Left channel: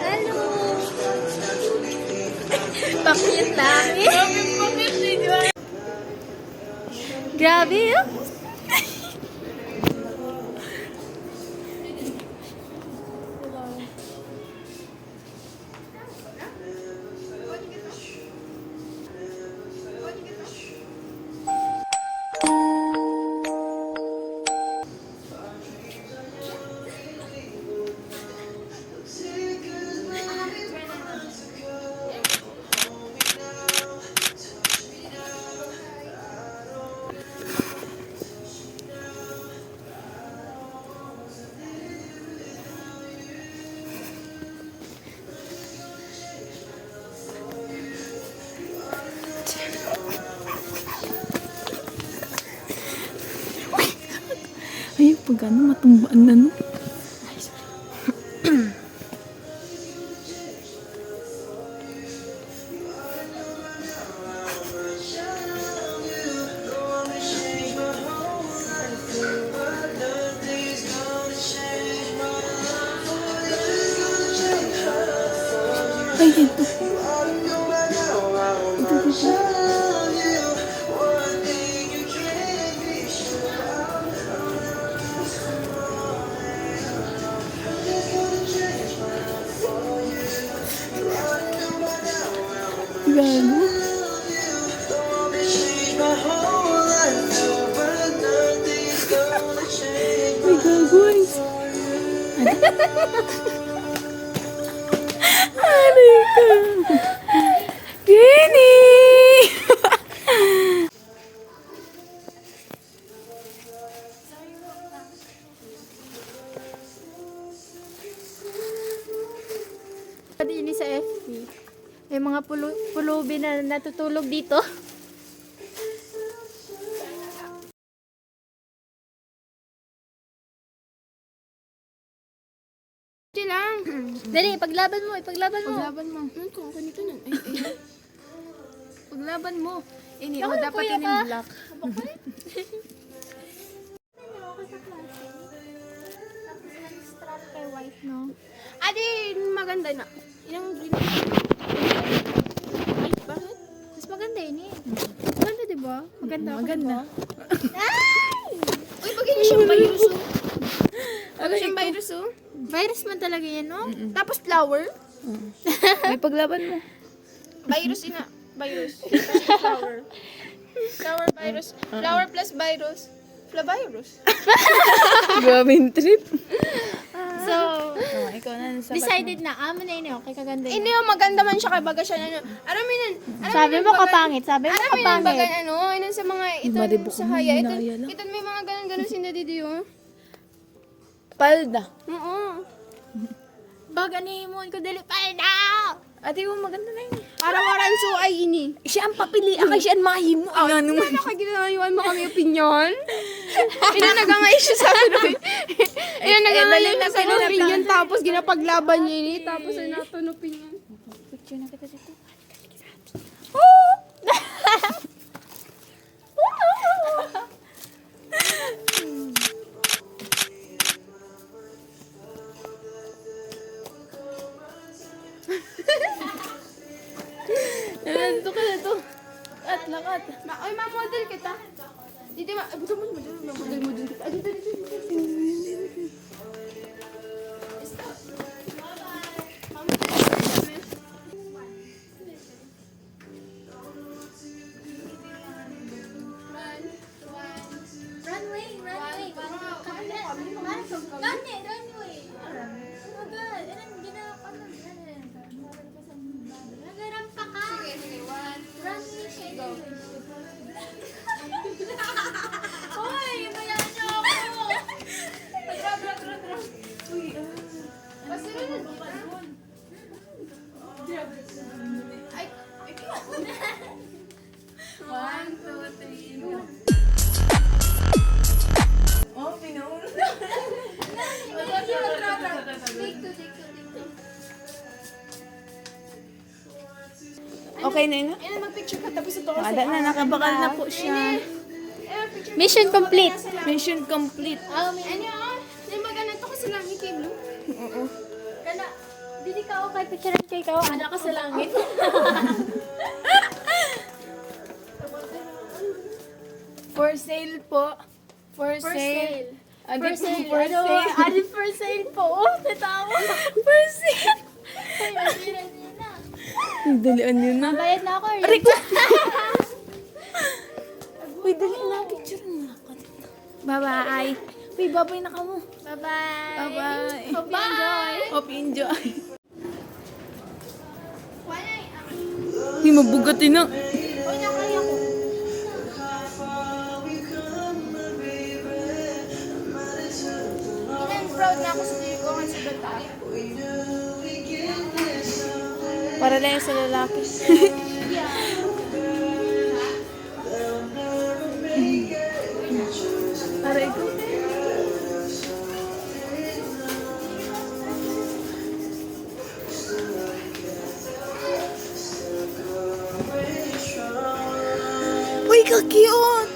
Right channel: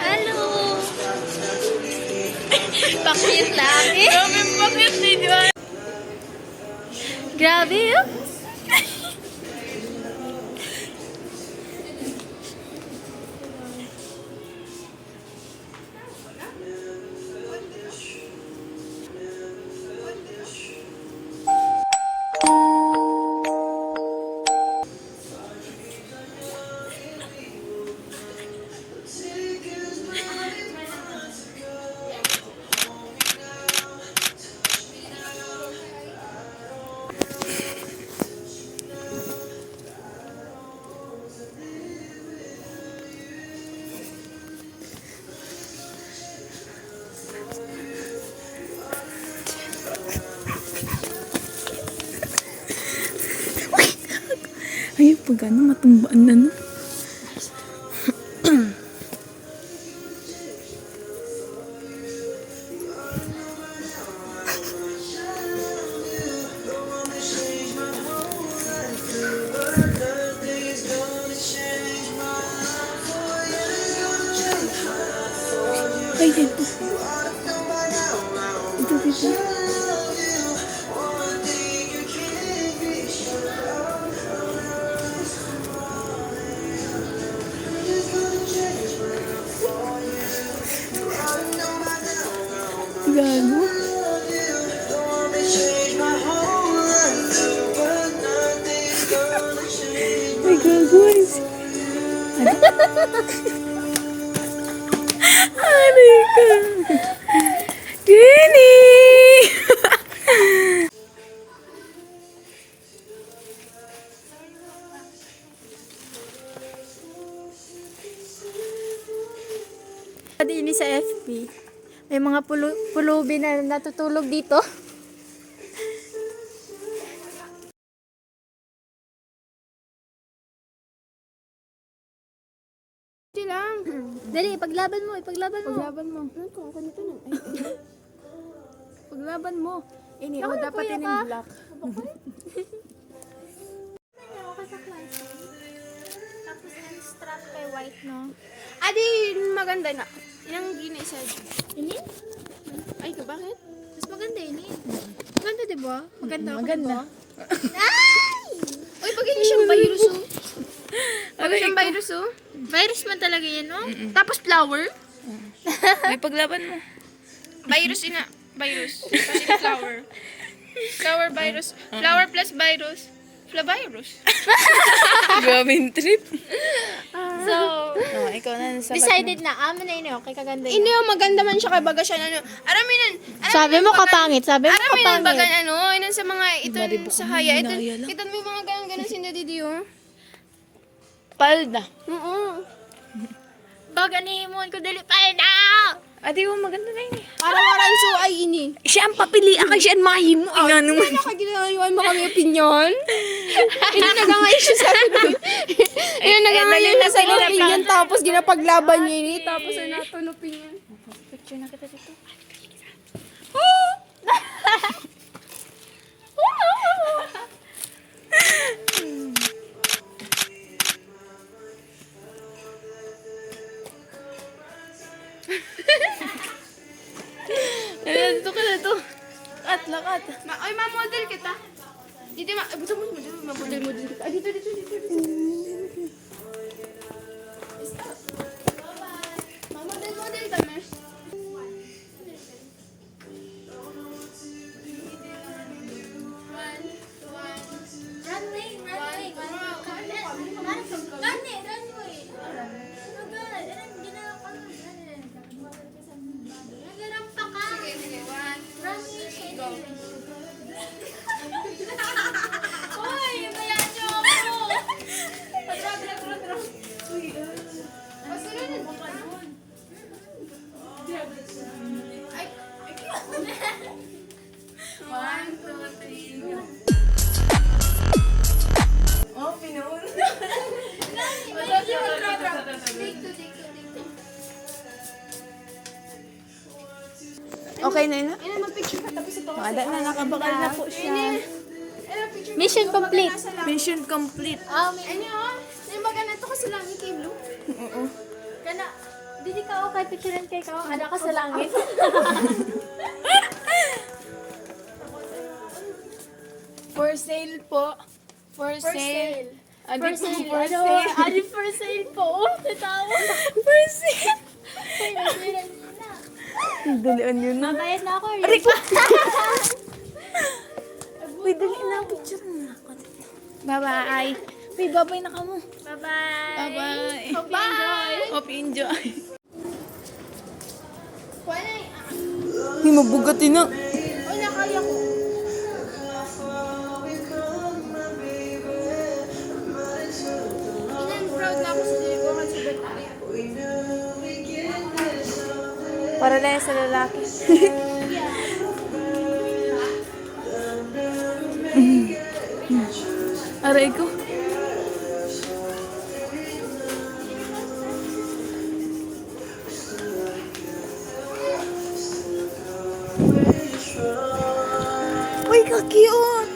Hello! Pakit namin. Grabe bakit ninyo? Grabe yun. Ay, pag ano, matumbaan na, no? Ay, ito. Ito, dito. Gago. Ay, gago. Aray ka. Gini! Ini sa FB. May mga pulubi na natutulog dito. Hindi lang. Dali, ipaglaban mo, ipaglaban mo. Paglaban mo. Ano to? Ganito na. Ay. Paglaban mo. Ini, o Bakit dapat kuya yun ka? yung black. Tapos strap kay white, no? Adi, maganda na. Ilang ginis. Ay, ito bakit? Mas maganda yun eh. Maganda, di ba? Maganda ako, Maganda. diba? Uy, pagiging siyang virus. Ano siyang virus, oh? Virus man talaga yan, no? Tapos flower. May paglaban mo. Virus ina. Virus. Kasi flower. Flower virus. Flower plus virus. Flavirus. Grabe yung trip. So, Ikaw na sa decided na, amin na yun, okay, kaganda yun. Hindi, maganda man siya kay baga siya na ano. Araminan. Sabi mo kapangit, sabi mo Araminan baga kapangit. ano. Inan sa mga iton sa haya. Iton mo yung mga ganun sinadidi oh. palda. Oo. Baga ni mo ko dali pa na. Ate ko, maganda na yun. Parang oranso ay ini. Siya ang papilian ka, siya ang mahimo. Ina naman. Nakaginayuan mo kami opinion. Ina nagangay siya sa akin. Ina nagangay dali na sa sila na opinion. Tapos ginapaglaban niya ini. Tapos ano, ton opinion. Picture na kita dito. Dito ka na to. Lakat. Ay, ma-model kita. Dito, buto mo, ma-model mo dito. Ay, dito. Okay na yun. Ina, mag-picture ka tapos ito. Ada na, nakabakal na po siya. Mission complete. Mission complete. Oh, may Ano ah? Yung baga nato ko sa langit kay Blue. Oo. Kana, dili ka o kay picturean kay ka, ana ka sa langit. For sale po. For sale. Adi For po, sale. for Ano, sale. adi for sale po. Oh, natawa. For sale. Ay, nandira nina. Dalian nyo na. Bayad na ako. Aray ko! Uy, dalian na. Picture na ako. Bye-bye. Uy, bye-bye na ka mo. Bye-bye. Bye-bye. Hope you enjoy. Hope you enjoy. Wala Uy, mabugatin na. wala kaya ko. Ilan proud na ako sa diri ko kasi batay. Para lang sa lalaki. Aray ko. Uy, ka-cute!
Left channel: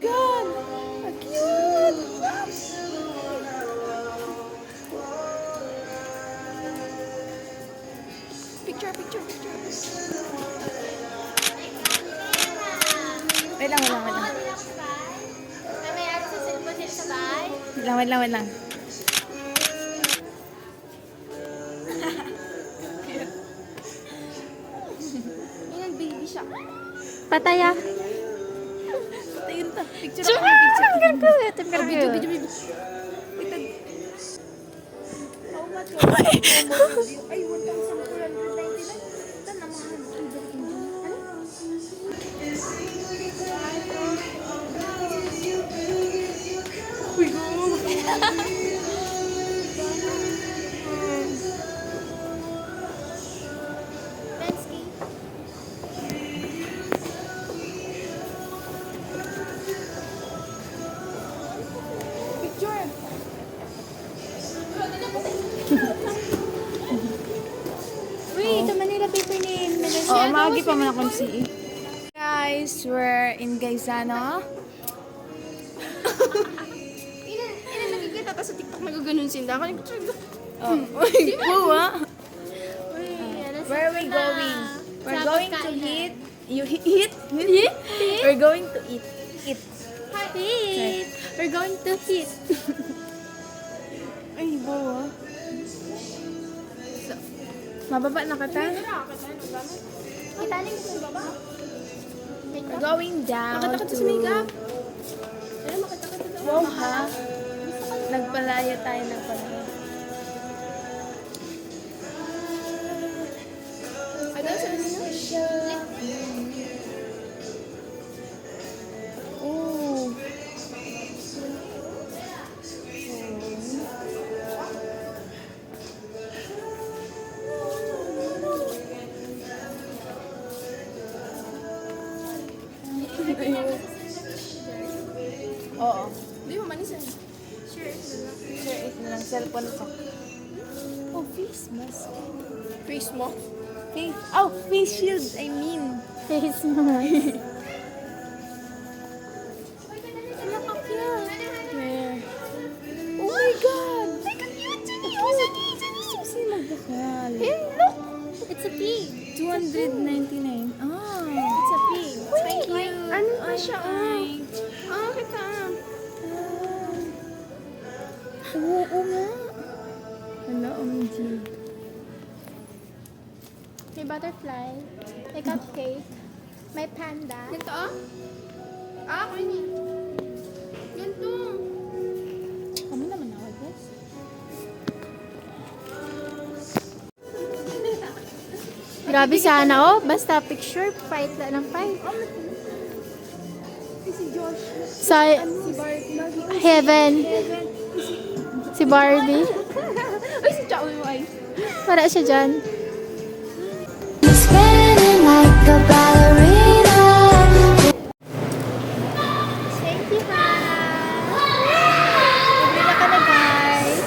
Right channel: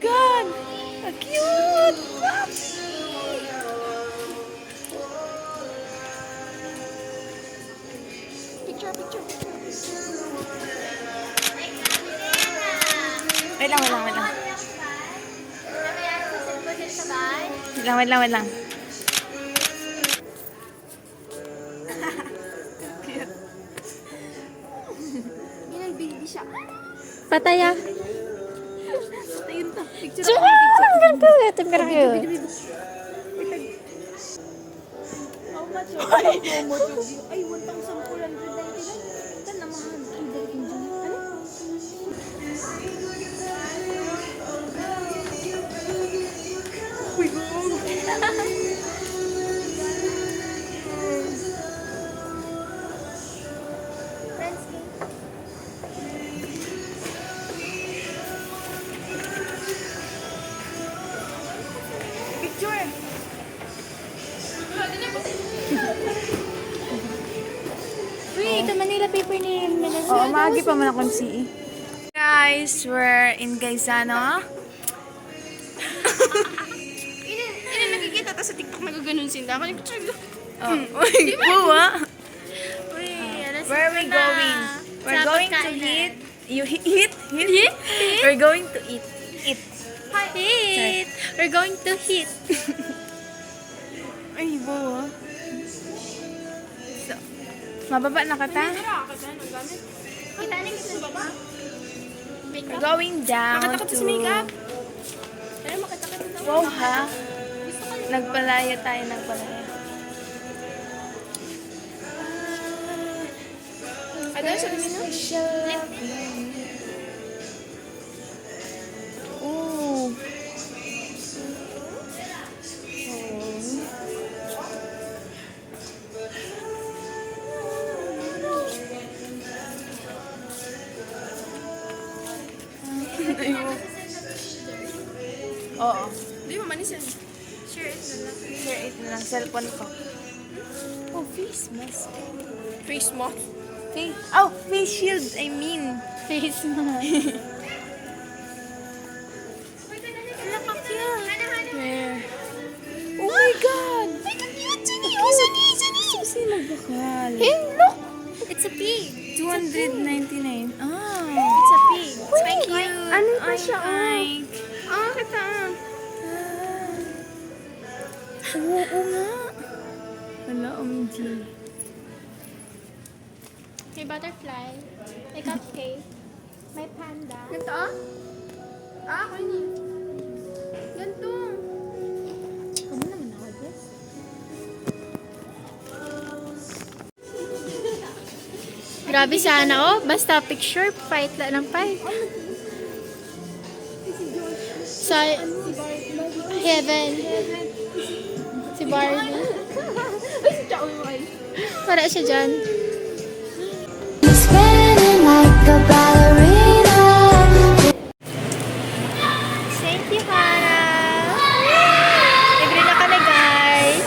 God! Ka-cute! Picture, picture, picture. Wait lang, wait lang, wait lang. Wait lang, wait lang, wait lang. Ilan baby siya. Pataya. Ayun ta. Picture Sure! Ang ganda. Ang ganda. Ay, 1,499. Ito naman. Ay, balikin dyan. Ano? Uy, picture. Uy, ito Manila paper nail. Oo, magi pa man akong si. Guys, we're in Gaisano. Ilan nakikita ta sa TikTok nagaganon sila. Kaya picture ko. Oh, uy, buwa. Uy, alas Where are we na. going? We're Sa going to pagkain. eat. You eat? Eat? We're going to eat. Eat. Hit. We're going to hit. Ay, buwa. So, mababa na kata? Kita na yung baba. We're going down Makatakot to... sa makeup. Pero makatakot na. Wow, ha? Nagpalaya tayo, nagpalaya. Ano sa Ooh. Oo. Di mo manis yan. Sure, ito lang. Sir, ito na lang. Cellphone ko. Oh, face mask. Face mo. Face. Oh, face shield, I mean. Face mo. Where? Oh my God! Kasi nagbukal. Look. It's a pig. 299. Oh. It's a pig. Thank you. Ano ba siya? Ay. Ah, kita. Oo nga. Wala, OMG. May butterfly. May cupcake. May panda. Ganito ah? Ah, ako yun eh. Ganito. Kamu naman ako, guys. Grabe sana, oh. Basta picture, fight lang ng fight. Sa heaven. Si Barbie. Ay, si Chao yung ay. Para siya dyan. Spinning like a ballerina. Thank you, Hana. Libre na ka na, guys.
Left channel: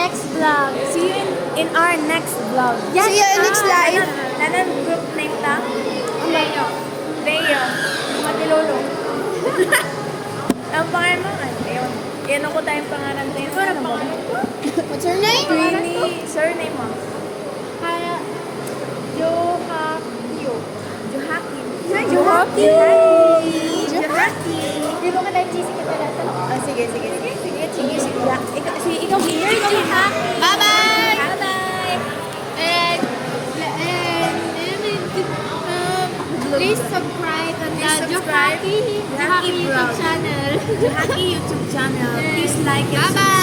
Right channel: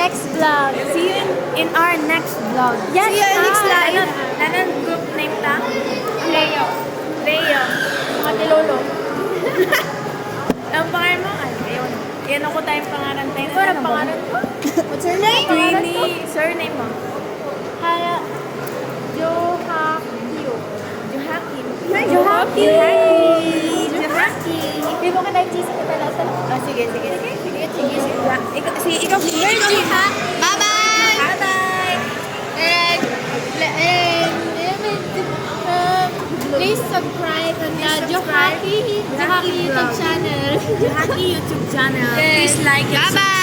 next vlog. See you in our next vlog. Yes, See you in next live. Nanon group name ta? Leo. Leo. Matilolo. Ang pangalan mo? Ay, ayaw na. Yan ako tayong pangalan tayo. Ano pangalan? What's your name? Queenie. Surname mo? Johakio. Johakim. Johaki. Johaki. Di mo ka nag-cheesy ka pala sa... Oh, sige. Ikaw, ha? Bye-bye! Bye-bye. And please subscribe on the subscribe. Johaki Johaki YouTube vlog. channel. Johaki YouTube channel. Please like and Bye-bye.